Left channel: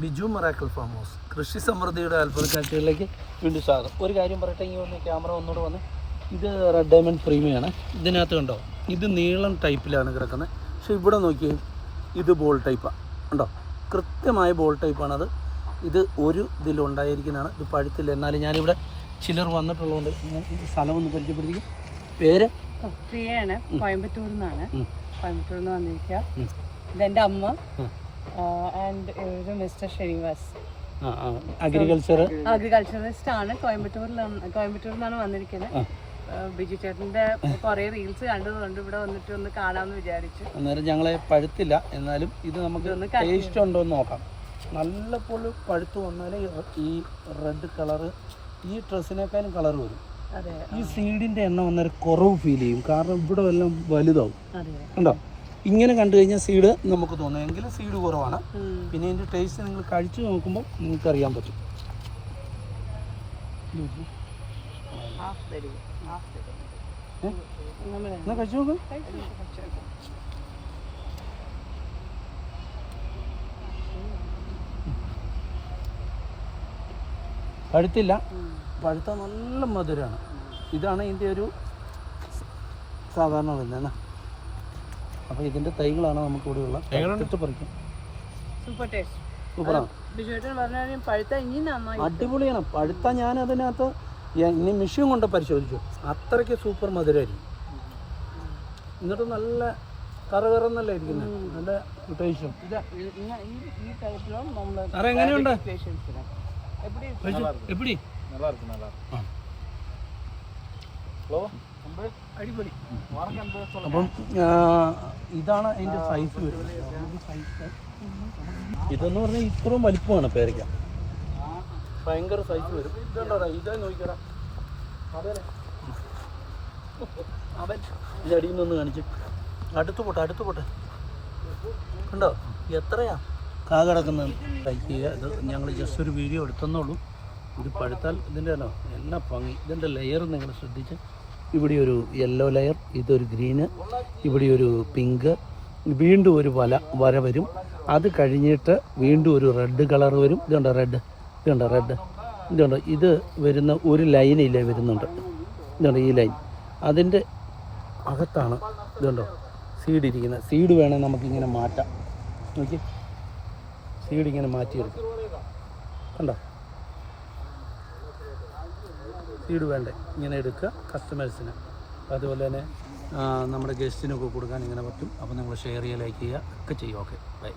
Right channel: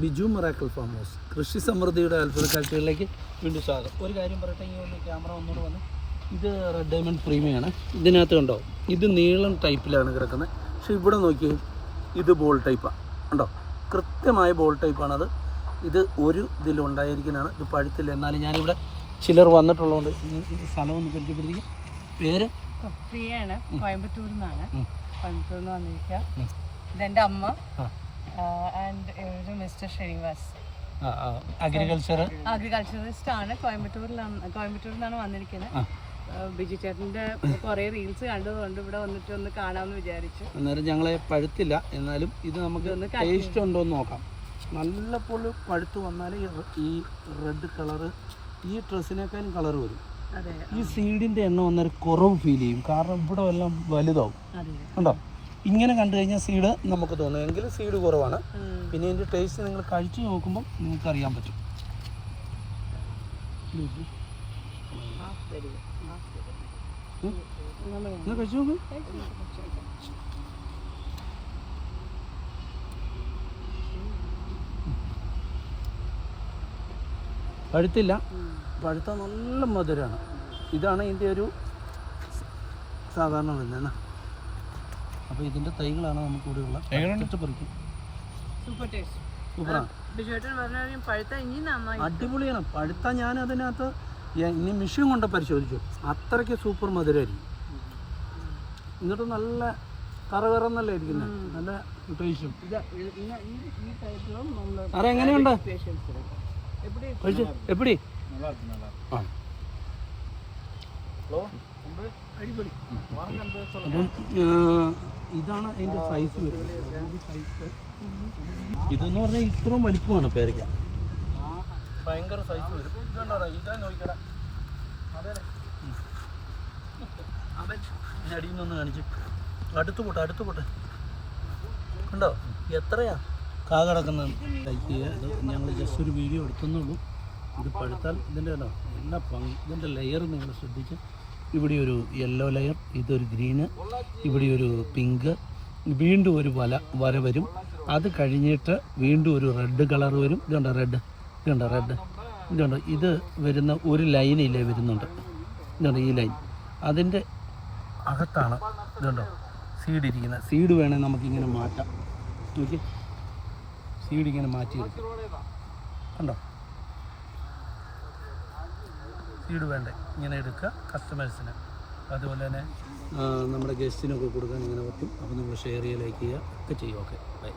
Biju Marakkal farm house. കൃഷി സമൃദ്ധിയുടെ അത്ഭുത കാഴ്ചകളിലേക്ക് വീണ്ടും സ്വാഗതം. ഒരു കാര്യം പറയട്ടെ ഇങ്ങനെ ഒന്ന് ക്യാമറ ഒന്നുകൂടെ വന്ന്. ഇത് റെഡ് ഡയമണ്ട് പ്രീമിയാണ് ഇതിനകത്ത് കണ്ടോ ഇത് നീളം ടൈപ്പിലാണ് കിടക്കുന്നത്. പക്ഷേ ഇവിടെ നോക്കിയേ ഇത് ബോൾ ടൈപ്പാണ് കണ്ടോ കൃത്യമായ ബോൾ ടൈപ്പാണത് ഇത് ഒരു ഇതിലുണ്ടായിരിക്കുന്നതാണ് ഇത് പഴുത്തില്ല. എന്നാലും ഞാനിവിടെ ചിലർ വന്നിട്ടുള്ളതുകൊണ്ട് ഈ സ്ഥലം ഒന്ന് പരിചയപ്പെടുത്തി പേര് പ്രിയാണ് കോയമ്പത്തൂരിൽ നിന്നാണ്. കോയമ്പത്തൂർ നിന്ന് വന്നിരിക്കുക. ഇതെന്റെ അമ്മ. And mister Srinivas. Agriculture agriculturist ആണ്. കോയമ്പത്തൂരിലാണ് കോയമ്പത്തൂരിൽ നിന്നാണ് വന്നിരിക്കുന്നത്. കുറെ ബിജു ചേട്ടന്റെ കുറേ റീൽസ് കണ്ടതുകൊണ്ട് ഇവിടെ വന്നിട്ട് ഒന്ന് കാണാമെന്ന് വിചാരിച്ചു. അന്നേരം ഞങ്ങളെ പഴുത്തില്ല. എന്നാലും ഇത് നമുക്ക് ടേസ്റ്റ് ഉണ്ടോ എന്ന് നോക്കാം. നല്ല പോലെ പഴുത്ത് വന്നാലേ ഈ റെഡ് കളറ് ഈ ഡ്രസ്സിനേക്കാളും കളർ വരും. ഈ സീഡിന്റെ എണ്ണം വന്നൊരു കുറവ് ഫീൽ ചെയ്യും. കാരണം ഇവിടെ എല്ലാം വലുതാവും. കണ്ടോ? ഇങ്ങനെ കണ്ടു കഴിഞ്ഞാൽ സീഡ് നമുക്ക് തോന്നും. എങ്കിലും സീഡ് കുറവാണ്. പിന്നെ ഇതിന്റെ ടേസ്റ്റ് നിങ്ങൾ കഴിച്ച് നോക്കുമ്പോൾ നിങ്ങൾക്ക് അറിയാൻ പറ്റും. എന്നാ കഴിച്ചു നോക്ക്. പഴുത്തില്ല. പഴുത്ത നല്ല മധുരമാണ് ഇതാണ് ഇതിന്റെ ഒരു സാധാരണ വരുന്നത് അപ്പോൾ ഇതിന്റെ തൈകളാണ് പറിക്കും. സൂപ്പർ ടേസ്റ്റ് സൂപ്പറാണ് പറഞ്ഞാൽ പഴുത്ത ഇനി നന്നായി അടിപൊളിയാണ്. പഴുത്ത ഞാൻ അതിനകത്ത് ഇനി മിഷ്യൻ കൊണ്ട് പരിശോധിച്ചു. അത്രയ്ക്ക് സൂപ്പർ മധുരമായിരിക്കും എന്നിട്ട് നല്ല കറകറന്നല്ല ഇരിക്കുന്നത് നല്ല ടേസ്റ്റും സാറേ എങ്ങനെയുണ്ട്? എപ്പിടി? ആ. അപ്പം ഇതാണ് അതിന്റെ സൈസ് വരുന്നത്. ഇതെന്ന് പറഞ്ഞാൽ ഇത്രയും വലിപ്പമാണ് പേരയ്ക്ക. ഭയങ്കര സൈസ് വരും. ഇതാ നോക്കിക്കടാ. അതെ. അവൻ നിന്ന് കാണിച്ചു. അടുത്ത് പോട്ടെ അടുത്ത് പോട്ടെ. കണ്ടോ? എത്രയാ? കാ കിടക്കുന്നത് ഇത് ഞങ്ങൾ ജസ്റ്റ് ഒരു വീഡിയോ എടുത്തെന്നുള്ളൂ ഇത് പഴുത്താൽ ഇതിന്റെ തന്നെ. എല്ലാ ഭംഗി. ഇതിന്റെ ലെയർ നിങ്ങൾ ശ്രദ്ധിച്ച് ഇവിടെ ഒരു യെല്ലോ ലെയർ ഇതൊരു ഗ്രീന് ഇവിടെ ഒരു പിങ്ക് വീണ്ടും ഒരു വല വര വരും. അത് കഴിഞ്ഞിട്ട് വീണ്ടും ഒരു റെഡ് കളർ വരും. ഇതുണ്ട് റെഡ് ഇതുണ്ട് റെഡ് ഇതുണ്ട് ഇത് വരുന്ന ഒരു ലൈനില്ലേ വരുന്നുണ്ട്. ഇതുണ്ട് ഈ ലൈൻ അതിന്റെ അകത്താണ് ഇതുണ്ടോ സീഡ് ഇരിക്കുന്നത്. സീഡ് വേണേൽ നമുക്കിങ്ങനെ മാറ്റാം. നോക്കി സീഡ് ഇങ്ങനെ മാറ്റി മാറ്റിയെടുക്കും. കണ്ടോ? സീഡ് വേണ്ടേ? ഇങ്ങനെ എടുക്കുക കസ്റ്റമേഴ്സിന് അതുപോലെ തന്നെ നമ്മുടെ ഗസ്റ്റിനൊക്കെ കൊടുക്കാൻ ഇങ്ങനെ പറ്റും. അപ്പോൾ നമ്മൾ ഷെയർ ചെയ്യുക ലൈക്ക് ചെയ്യുക ഒക്കെ ചെയ്യും. Okay bye